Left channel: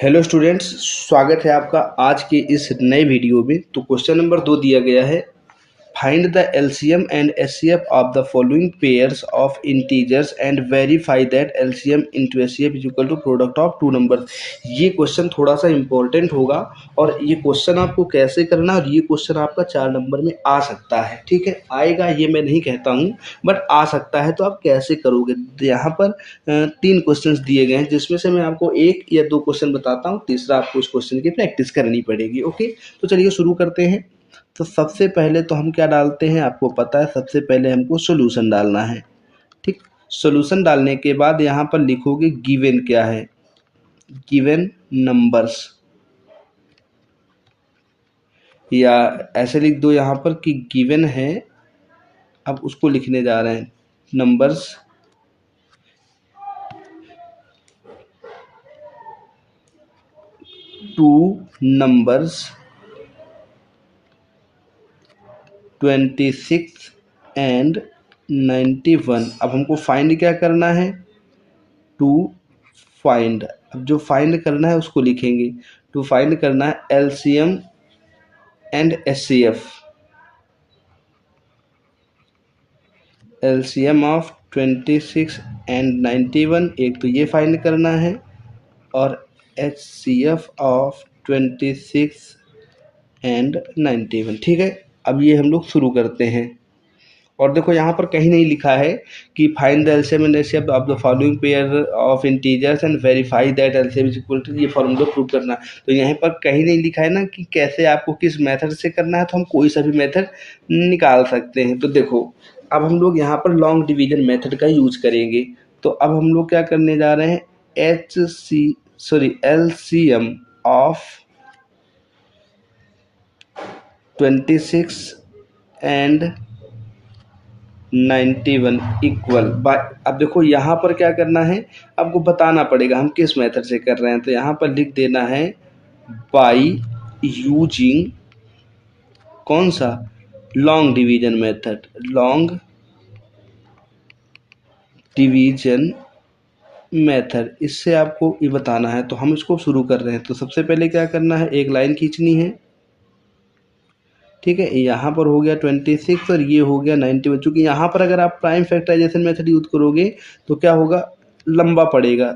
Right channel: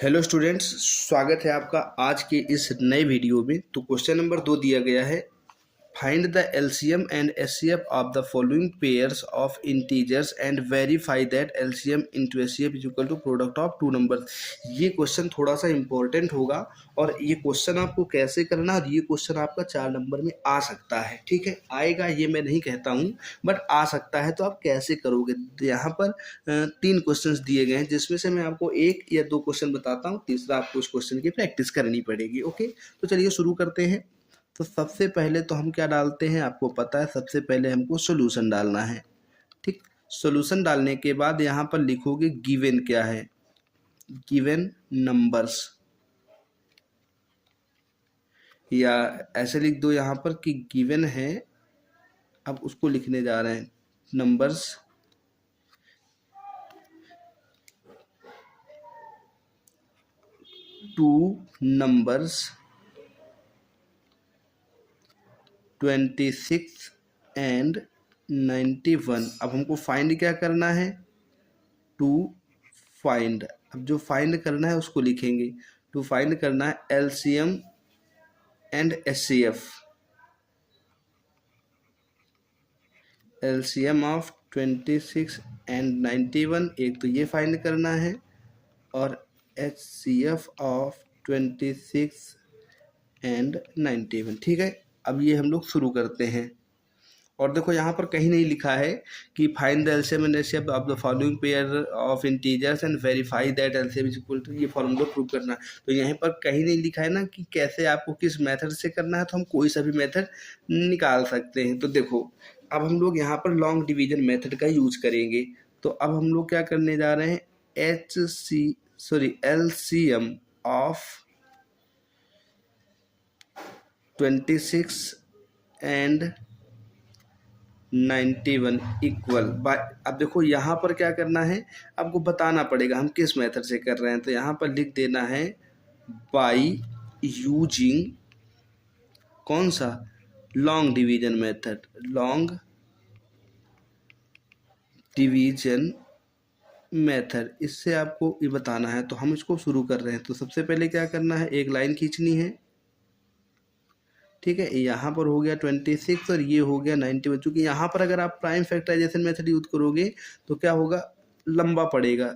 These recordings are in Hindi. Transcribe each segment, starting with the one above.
हेलो स्टूडेंट्स, स्वागत है आपका आज के इस नए वीडियो में। तो क्वेश्चन नंबर 2 दिया गया है, find the LCM and HCF of the following pairs of integers and verify that LCM into HCF is equal to product of two numbers. ये क्वेश्चन थोड़ा सा इंपॉर्टेंट होगा और ये क्वेश्चन आपको कैसे करना है और ये क्वेश्चन आपका 4 नंबर में आ सकता है। ठीक है, आएगा ये मैं नहीं कहता हूँ, बट आ सकता है। तो आप कैसे करोगे? यहाँ पर 3 क्वेश्चंस दिए गए हैं, जिसमें से मैं आपको 1 या 2 क्वेश्चन बताता हूँ, तीसरा आपको उस क्वेश्चन की प्रैक्टिस करनी पड़ेगी। ओके, तो चलिए शुरू करते हैं। तो सबसे पहले तो हम क्या डालते हैं, आपको पता है, सबसे पहले हमको सॉल्यूशन डालना है। ठीक, सॉल्यूशन डालने के बाद यहाँ पर लिखोगे गिवन क्या है, गिवन नंबर्स, या ऐसे लिख दो यहाँ पर कि गिवन है, अब उसको लिखने जा रहे हैं नंबर्स, टू नंबर्स 26 एंड 91। अब हमको फाइंड क्या करना है, टू फाइंड, अब जो फाइंड करना है उसको लिखेंगे। टू फाइंड करना है LCM and HCF, LCM of 26 and 91, एक तो ये फाइंड करना है, और एचसीएफ ऑफ 26 एंड 91। ठीक है, अब ये हम लोग शुरू करते हैं। और देखो यहाँ पर कहीं नहीं लिखा है कि find the LCM and HCF of the following pair of integers and verify that LCM is equal to, ये फॉर्मूला प्रूव करना। तो यहाँ पर कहीं नहीं लिखा है ना कि कैसे आपको किस मेथड से करना है, तो हम कोई सा भी मेथड निकाल सकते हैं। तो देखो, अब हम लोग यहाँ पर लॉन्ग डिवीजन मेथड का यूज करेंगे। तो अब हम लोग क्या करने जा रहे हैं, LCM of 26 and 91 equal bye, अब देखो यहाँ पर क्या करना है, आपको बताना पड़ेगा हम किस मेथड से कर रहे हैं। तो यहाँ पर लिख देना है बाय यूजिंग कौन सा, long division method, long division method, इससे आपको ये बताना है। तो हम इसको शुरू कर रहे हैं। तो सबसे पहले क्या करना है, एक लाइन खींचनी है। ठीक है, यहाँ पर हो गया 26 और ये हो गया 91। चूँकि यहाँ पर अगर आप प्राइम फैक्टराइजेशन मेथड यूज करोगे तो क्या होगा, लंबा पड़ेगा,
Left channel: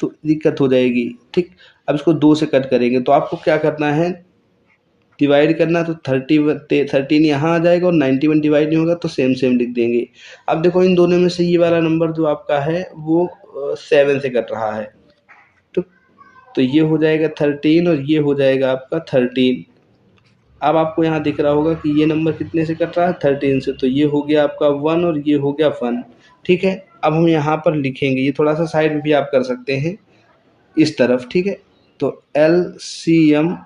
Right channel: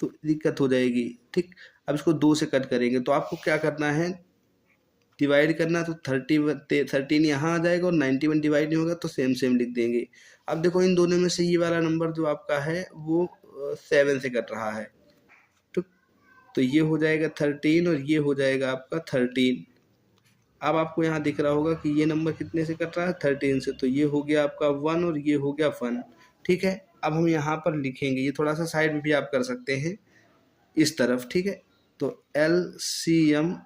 तो दिक्कत हो जाएगी। ठीक, अब इसको 2 से कट करेंगे। तो आपको क्या करना है, डिवाइड करना है। तो 13 यहाँ आ जाएगा और 91 डिवाइड नहीं होगा तो सेम सेम लिख देंगे। अब देखो, इन दोनों में से ये वाला नंबर जो आपका है वो 7 से कट रहा है। तो ये हो जाएगा 13 और ये हो जाएगा आपका 13। अब आपको यहाँ दिख रहा होगा कि ये नंबर कितने से कट रहा है, 13 से। तो ये हो गया आपका 1 और ये हो गया 1। ठीक है, अब हम यहाँ पर लिखेंगे, ये थोड़ा सा साइड में भी आप कर सकते हैं इस तरफ। ठीक है, तो एलसीएम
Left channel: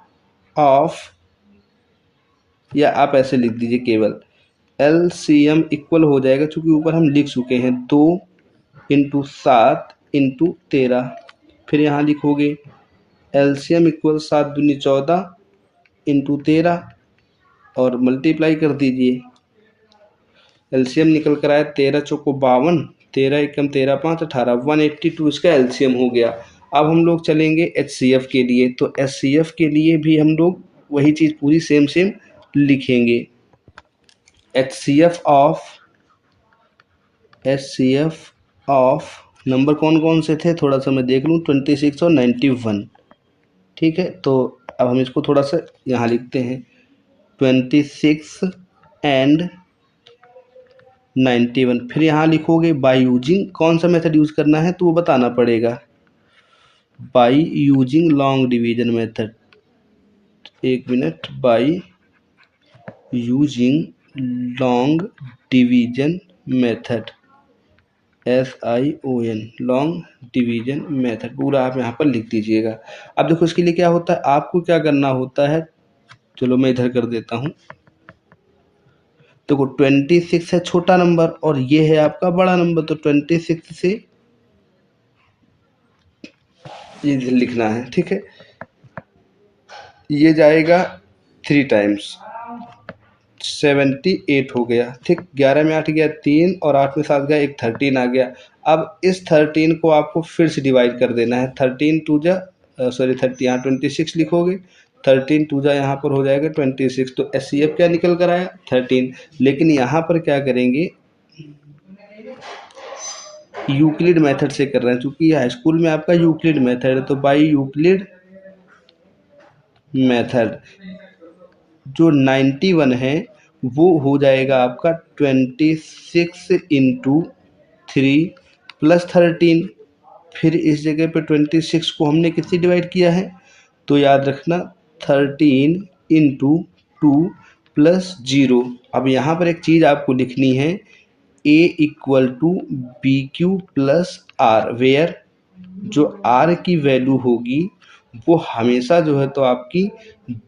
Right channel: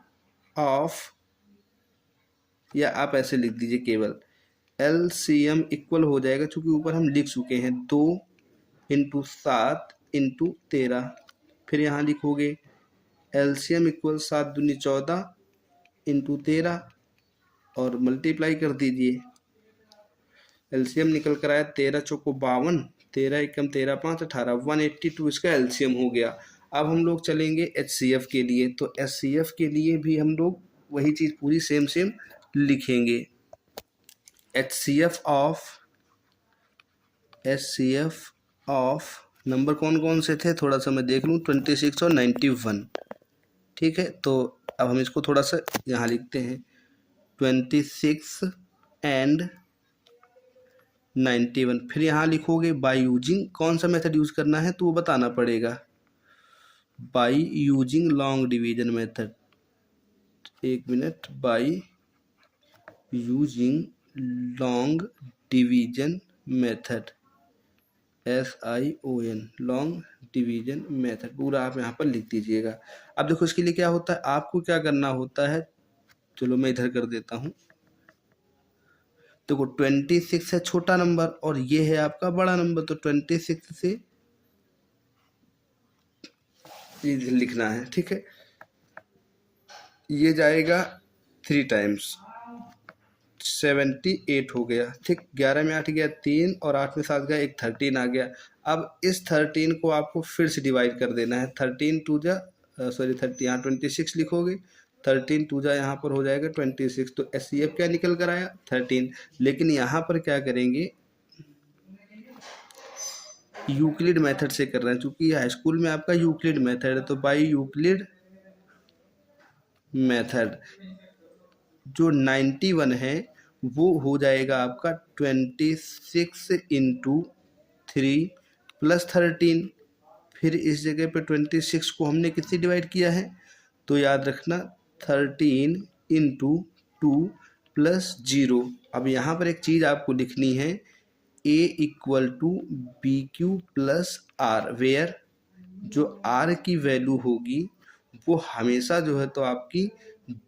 ऑफ, या आप ऐसे लिख दीजिए केवल, एलसीएम इक्वल हो जाएगा, चूँकि ऊपर हम लिख चुके हैं 2 इंटू 7 इंटू 13। फिर यहाँ लिखोगे एलसीएम इक्वल 7 दूनी 14 इंटू 13 और मल्टीप्लाई कर दीजिए। एलसीएम निकल कर आया 13 चौको 52, 13 एकम 13 5 18, 182 इसका एलसीएम हो गया। अब हम लोग चलेंगे एचसीएफ के लिए। तो एचसीएफ के लिए भी हम लोग वही चीज़ पूरी सेम सेम लिखेंगे। एचसीएफ ऑफ नंबर कौन कौन से थे, थोड़ा सा मैं देख लूँ, 26 और 91। ठीक है, तो अब हम इसको थोड़ा सा यहाँ लिखते हैं, 26 एंड 91। फिर यहाँ लिखोगे बाय यूजिंग, कौन सा मेथड यूज़ करना है तो वो बताना पड़ेगा, by using long division method. एक minute, by using long division method, SION, long division method, पूरा आप यहाँ पर लिख दीजिएगा। अब देखो, इसके लिए क्या होता है, आपको क्या करना होता है, चलो मैं इधर कर देता हूँ। देखो 26 है छोटा नंबर और ये है आपका बड़ा नंबर, तो 26 से ये लिखना है। ठीक है, ये जाएगा 3 टाइम्स, 78 हो गया। ठीक, 11 में 8 गया 3 और 8 में 7 गया, एक 13 आ गया। अब इस 13 को आपको फिर से डिवाइड कर देना है, 13 2 जा सॉरी 30, यहाँ 26 लिखोगे, 13 टू जा यहाँ पर हो जाएगा 26, तो HCF क्या निकल कर आया 13। लेकिन यहाँ पर क्या करेंगे, यूक्लिड मेथड से कर रहे हैं, क्योंकि हाई स्कूल में आपका यूक्लिड मेथड है, तो बाई यूक्लिड मेथड जो 91 है वो हो जाएगा आपका 26 इंटू 3 प्लस 13। फिर इस जगह पे 26 को हमने किससे डिवाइड किया है, तो याद रखना 13 इंटू 2 प्लस 0। अब यहाँ पर एक चीज़ आपको लिखनी है, A equal to B Q plus R, where जो R की वैल्यू होगी वो हमेशा जो है तो आपकी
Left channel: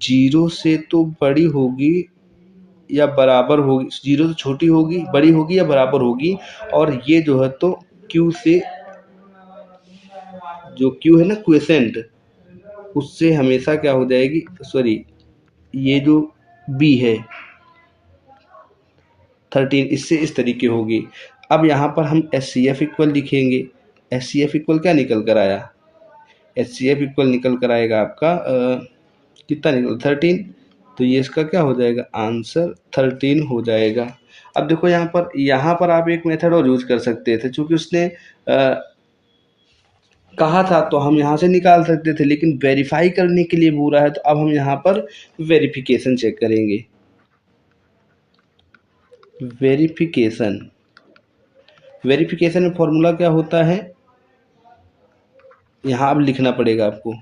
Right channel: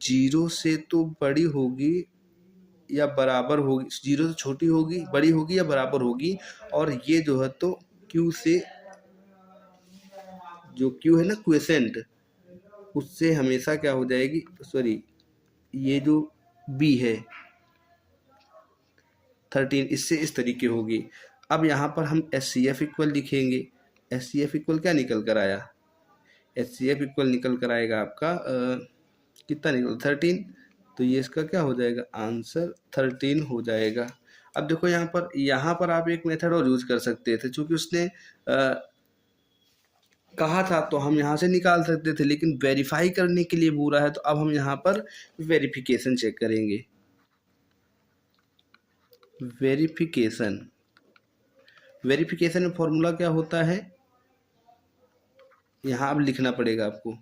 0 से तो बड़ी होगी या बराबर होगी, 0 से छोटी होगी, बड़ी होगी या बराबर होगी, और ये जो है तो Q से, जो Q है ना क्वेसेंट, उससे हमेशा क्या हो जाएगी, सॉरी ये जो B है 13, इससे इस तरीके होगी। अब यहाँ पर हम HCF इक्वल लिखेंगे। HCF इक्वल क्या निकल कर आया, HCF इक्वल निकल कर आएगा आपका कितना निकल 13, तो ये इसका क्या हो जाएगा आंसर 13 हो जाएगा। अब देखो यहाँ पर आप एक मेथड और यूज कर सकते थे, क्योंकि उसने कहा था तो हम यहाँ से निकाल सकते थे, लेकिन वेरीफाई करने के लिए बोला है तो अब हम यहाँ पर वेरिफिकेशन चेक करेंगे। वेरिफिकेशन में फॉर्मूला क्या होता है, यहाँ अब लिखना पड़ेगा आपको,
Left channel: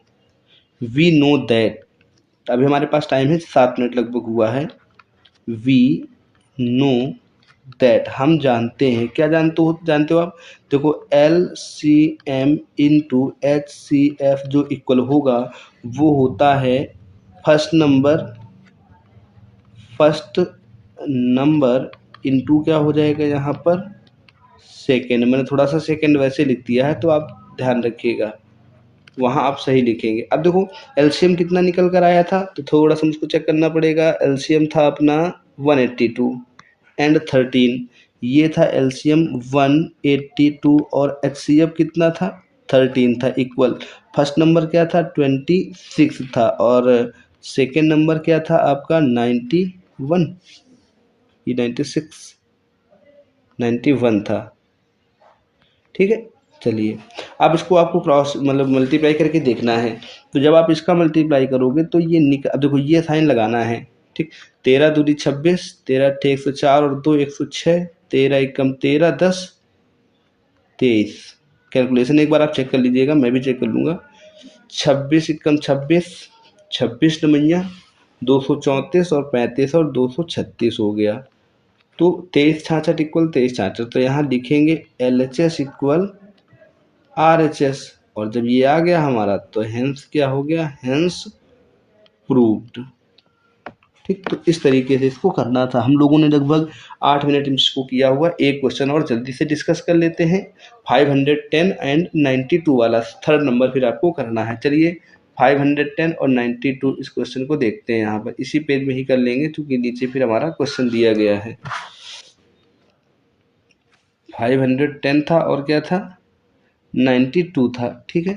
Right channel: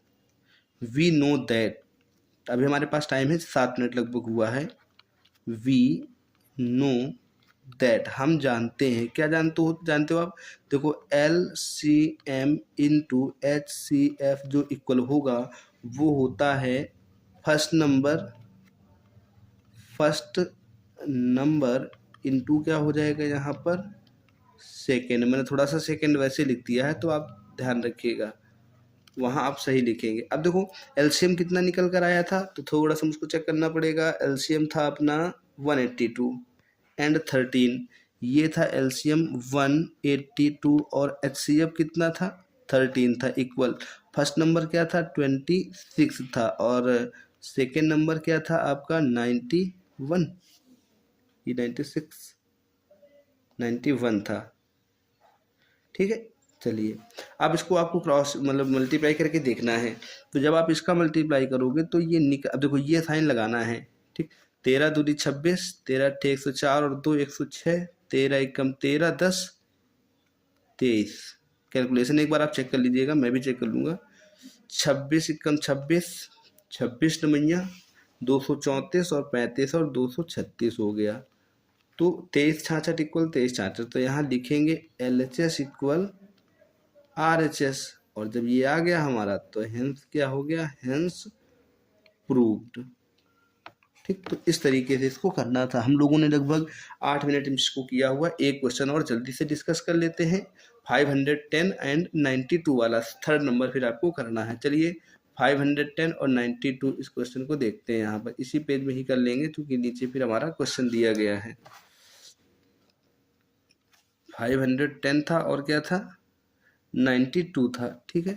वी नो दैट, अभी हमारे पास टाइम है 7 मिनट लगभग हुआ है। वी नो दैट, हम जानते हैं, क्या जानते हो आप, देखो LCM इंटू HCF जो इक्वल होगा वो होता है फर्स्ट नंबर इंटू क्या हो जाएगा यहाँ पर सेकेंड। मैंने थोड़ा सा सेकेंड वैसे लिख दिया है तो आप ध्यान रखिएगा, वहाँ आप सही लिखेंगे। अब देखो LCM कितना निकल कर आया था, तो थोड़ा सा मुझको चेक करना पड़ेगा। LCM था अपना 182 एंड 13, ये था LCM 182 और HCF कितना था 13 था, इक्वल फर्स्ट नंबर क्या था 26 था और सेकेंड नंबर क्या था आपका 91, ये 91 था। ठीक है, चलिए अब इसको आपको क्रॉस मतलब मल्टीप्लाई करके देखना है। तो जब आप इसका मल्टीप्लाई करोगे तो ये अब देखो ये साइन लगाना है, ठीक, 13 दूनी 26, 13 अट्ठे 104 और 2 106, 13 एकम 13 10 23। कैलकुलेशन एक बार आप चेक कर लीजिएगा, मैं भी चेक कर लूँगा। 26 एकम 26, 26 नमैया 234 और 35 और 236 हो गया। तो 23 66 इक्वल 23 66, तो यहाँ लिखेंगे LHS इक्वल RHS, और जब ये आ गया हमारा तो हेंस क्या हो गया, हेंस प्रूव्ड। ठीक, तो इस तरीके से इसको करना था। हम लोगों ने लगभग 8 मिनट में इसको किया हुआ। एक क्वेश्चन और जल्दी से डिस्कस कर लेते हैं, 510 एंड 92 वाला थर्ड नंबर फिर आपको करना है। चलिए 510 और 92 इस क्वेश्चन को देखते हैं। यहाँ पर इसी पेज में ही कर लेंगे क्योंकि नीचे फिर हमारा क्वेश्चन दिया गया है। 510 था और क्या था 92 था। ठीक है,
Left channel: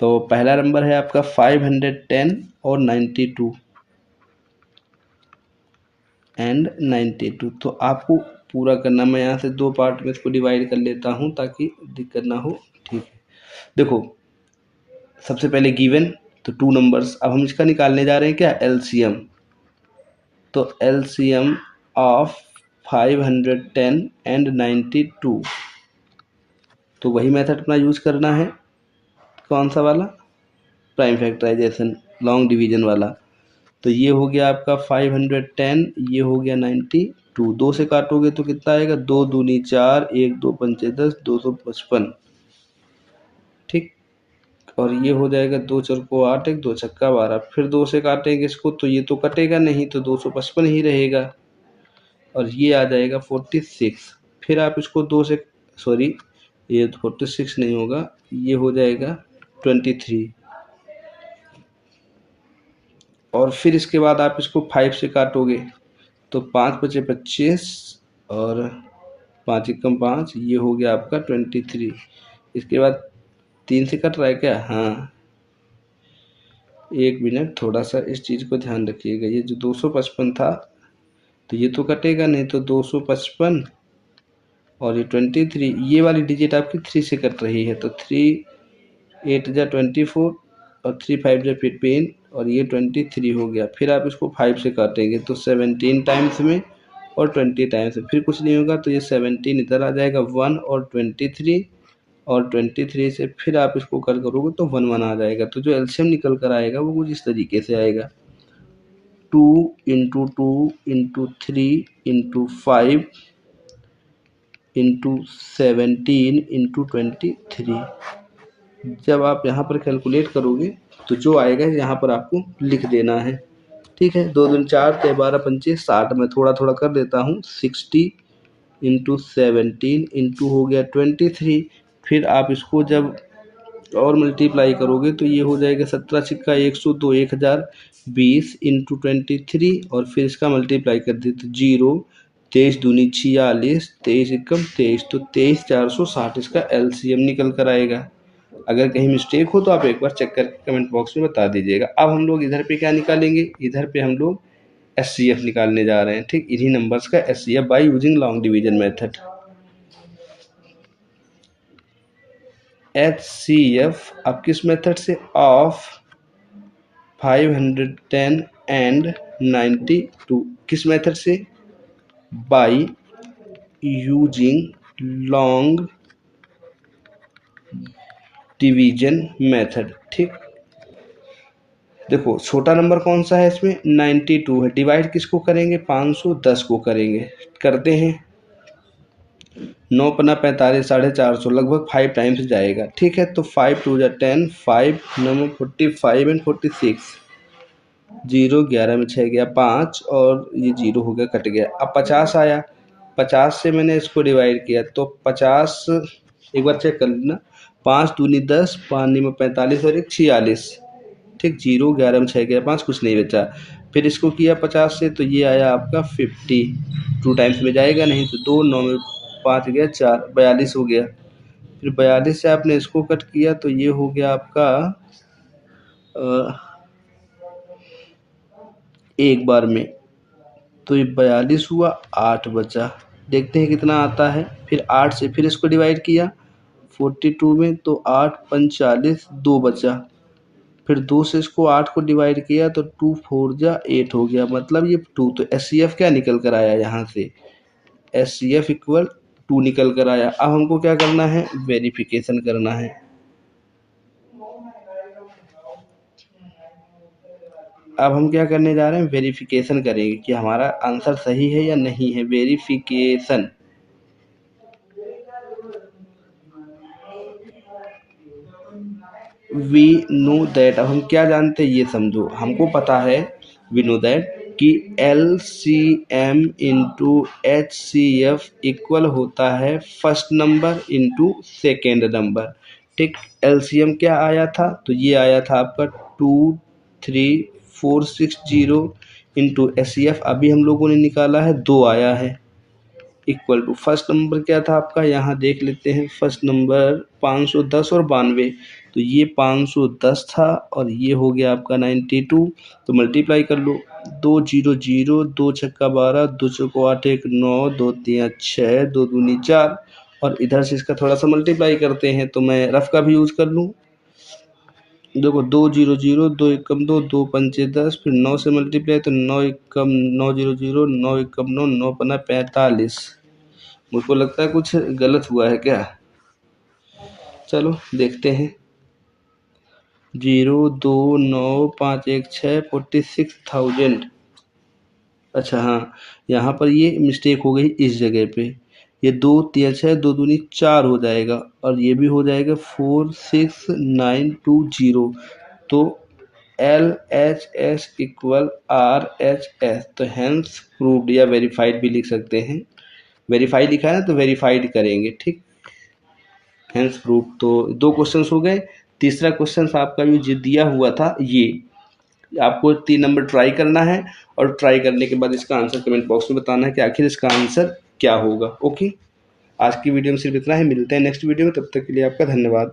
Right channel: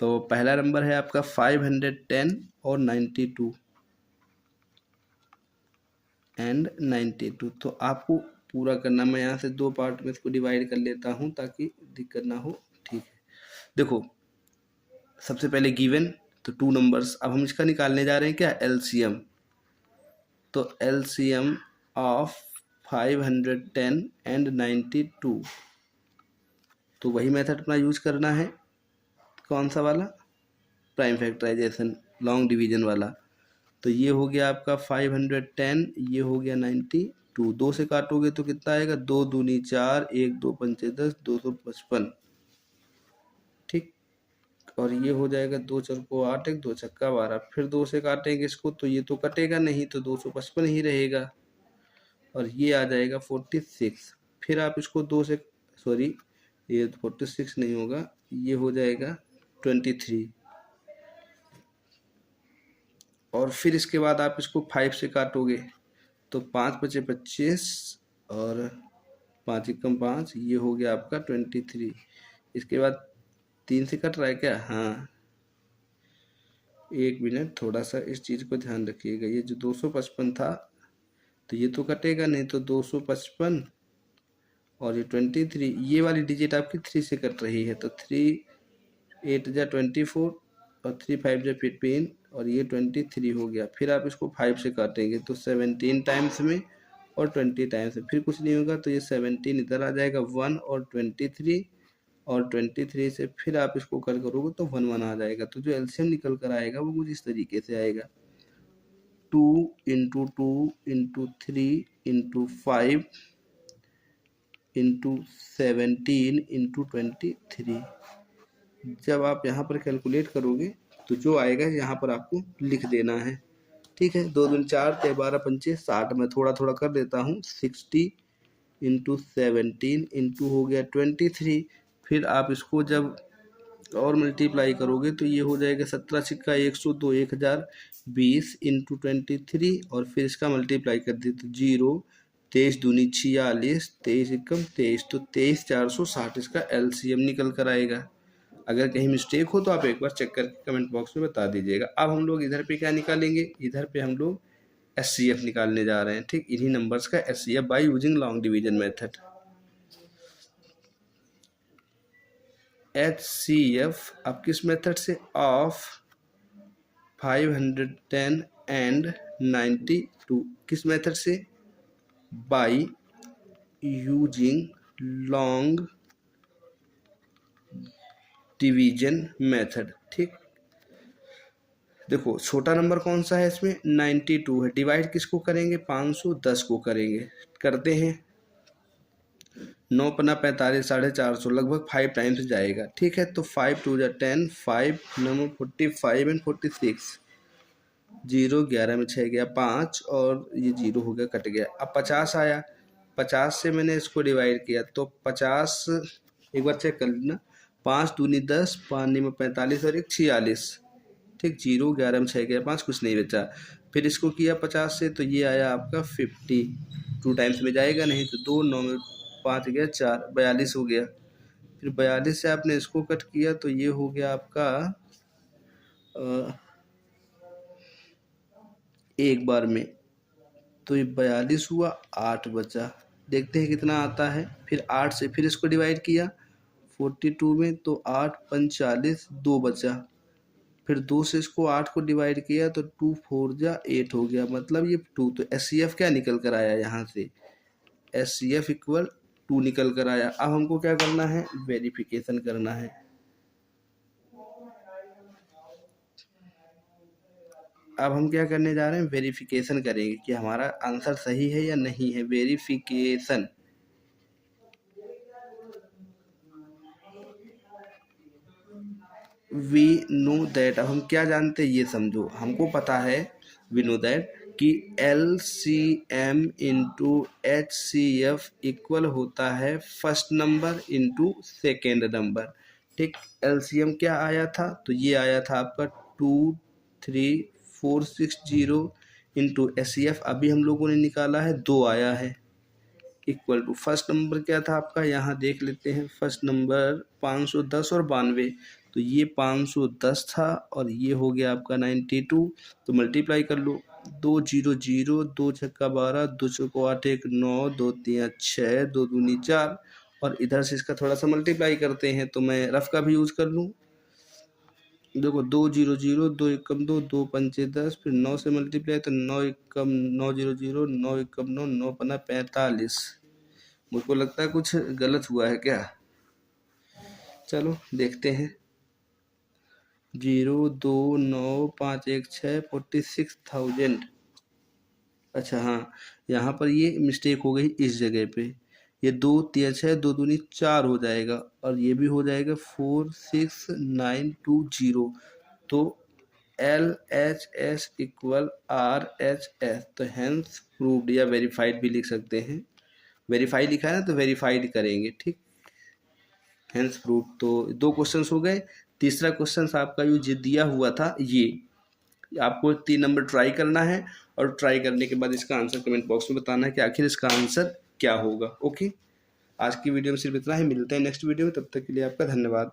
तो पहला नंबर है आपका 510 और 92 एंड 92। तो आपको पूरा करना, मैं यहाँ से 2 पार्ट में इसको डिवाइड कर लेता हूँ ताकि दिक्कत ना हो। ठीक है, देखो सबसे पहले गिवन तो 2 नंबर्स, अब हम इसका निकालने जा रहे हैं क्या LCM। तो LCM ऑफ 510 एंड 92, तो वही मेथड अपना यूज करना है। कौन सा वाला, प्राइम फैक्टराइजेशन लॉन्ग डिवीजन वाला। तो ये हो गया आपका 510, ये हो गया 92, 2 से काटोगे तो कितना आएगा, 2 दूनी 4, 1 2 पंचे 10, 255। ठीक, और ये हो जाएगा 2 चौको 8, 1 2 छक्का 12। फिर 2 से काटेंगे इसको तो ये तो कटेगा नहीं, तो 255 ही रहेगा और ये आ जाएगा 46। फिर आप इसको 2 से, सॉरी ये 46 नहीं होगा, ये हो जाएगा 23। और फिर इसके बाद आप इसको 5 से काटोगे तो 5 बचे 25 और 5 एकम 5, ये हो गया आपका 23। इसके बाद 3 से कट रहा है क्या? हाँ, 1 मिनट, थोड़ा सा इस चीज़ को ध्यान रखिएगा। ये जो 255 था तो ये तो कटेगा नहीं, तो 255 और ये 23, ये वाली डिजिट आपकी 3 से कट रही है, तो 3 8 जा 24 और 3 5 जा 15 और ये 23 हो गया। फिर आप इसको 5 से काटेंगे तो 17 टाइम्स में और 20 टाइम्स में, फिर कुछ नहीं होगा तो ये 17 इधर आ जाएगा 1 और 23 और 23 से फिर आप इसको कल करोगे तो 1 1 आ जाएगा। तो जो एलसीएम निकल कर आएगा वो कुछ इस तरीके से आएगा, 2 into 2 into 3 into 5 into 17 into 23। जब आप यहाँ पर कैलकुलेट करोगे तो जो आएगा यहाँ पर आपको लिख देना है। ठीक है, 2 दूनी 4 ते 12 पंचे 60, में थोड़ा थोड़ा कर देता हूँ, 60 इंटू 17 इंटू हो गया 23। फिर आप इसको जब और मल्टीप्लाई करोगे तो ये हो जाएगा 17 सिक्का 102 1020 इंटू 23 और फिर इसका मल्टीप्लाई कर दे तो 0, 23 दूनी 46, 23 एकम 23, तो 23,460 इसका एलसीएम निकल कर आएगा। अगर कहीं मिस्टेक हो तो आप एक बार चेक करके कमेंट बॉक्स में बता दीजिएगा। अब हम लोग इधर पे क्या निकालेंगे, इधर पे हम लोग एचसीएफ निकालने जा रहे हैं। ठीक, इन्हीं नंबर्स का HCF bye using long division method. HCF अब किस मेथड से, ऑफ 510 एंड 92, किस मेथड से, bye using long division method. ठीक, देखो छोटा नंबर कौन सा है इसमें, 92 है, डिवाइड किसको करेंगे, 510 को करेंगे, करते हैं 9 पन्ना 45 450, लगभग 5 टाइम्स जाएगा। ठीक है, तो 5 2 जा 10, 5 9 45 एंड 46, 0 11 में 6 गया 5 और ये 0 हो गया, कट गया। अब 50 आया, 50 से मैंने इसको डिवाइड किया तो 50, एक बार चेक कर लेना, 5 दूनी 10, 5 में 45 और 1 46। ठीक, 0 11 में 6 गया 5, कुछ नहीं बचा। फिर इसको किया 50 से तो ये आया आपका 50, 2 टाइम्स में जाएगा नहीं, तो 2 9 में 5 गया 4, 42 हो गया। फिर 42 से आपने इसको कट किया तो ये हो गया आपका एक बार में, तो ये 42 हुआ, 8 बचा। देखते हैं कितना आता है। फिर 8 से फिर इसको डिवाइड किया 42 में तो 8 45, 2 बचा। फिर 2 से इसको 8 को डिवाइड किया तो 2 4 जा 8 हो गया, मतलब ये 2। तो एचसीएफ क्या निकल कर आया यहाँ से, एचसीएफ इक्वल 2 निकल कर आया। अब हमको क्या करना है, वेरिफिकेशन करना है। अब हम क्या करने जा रहे हैं, वेरिफिकेशन करेंगे कि हमारा आंसर सही है या नहीं है। वेरिफिकेशन, वी नो दैट, अब हम क्या जानते हैं ये समझो, हमको पता है वी नो दैट कि L C M into H C F equal होता है first number into second number. ठीक, एल सी एम क्या आया था, तो ये आया था आपका 23460 इंटू एच सी एफ अभी हम लोगों ने निकाला है 2 आया है, इक्वल टू फर्स्ट नंबर क्या था आपका, यहाँ देख लेते हैं। फर्स्ट नंबर 510 और 92, तो ये 510 था और ये हो गया आपका 92, तो मल्टीप्लाई कर लो, 2 0 0, 2 छक्का 12, 2 चौको 8 1 9, 2 3 6, 2 दूनी 4 और इधर से इसका थोड़ा सा मल्टीप्लाई करते हैं, तो मैं रफ का भी यूज़ कर लूँ। देखो 2 0 0, 2 एकम 2, 2 पंचे 10, फिर 9 से मल्टीप्लाई तो 9 एकम 9 0 0, 9 एकम 9, 9 पन्ना 45। मुझको लगता है कुछ गलत हुआ है क्या, चलो देखते हैं। 0 2 9 5 1 6 46,000। अच्छा हाँ, यहाँ पर ये मिस्टेक हो गई इस जगह पे, ये 2 3 6, 2 दूनी 4 हो जाएगा और ये भी हो जाएगा 46920, तो L H S equal R H S, तो हैंस प्रूव्ड या वेरीफाइड भी लिख सकते हैं। वेरीफाई लिखा है ना तो वेरीफाइड करेंगे। ठीक, हैंस प्रूव्ड। तो 2 क्वेश्चंस हो गए। तीसरा क्वेश्चन आपका जो दिया हुआ था, ये आपको 3 नंबर ट्राई करना है और ट्राई करने के बाद इसका आंसर कमेंट बॉक्स में बताना है कि आखिर इसका आंसर क्या होगा। ओके, आज की वीडियो में सिर्फ इतना ही, मिलते हैं नेक्स्ट वीडियो में, तब तक के लिए आपका धन्यवाद।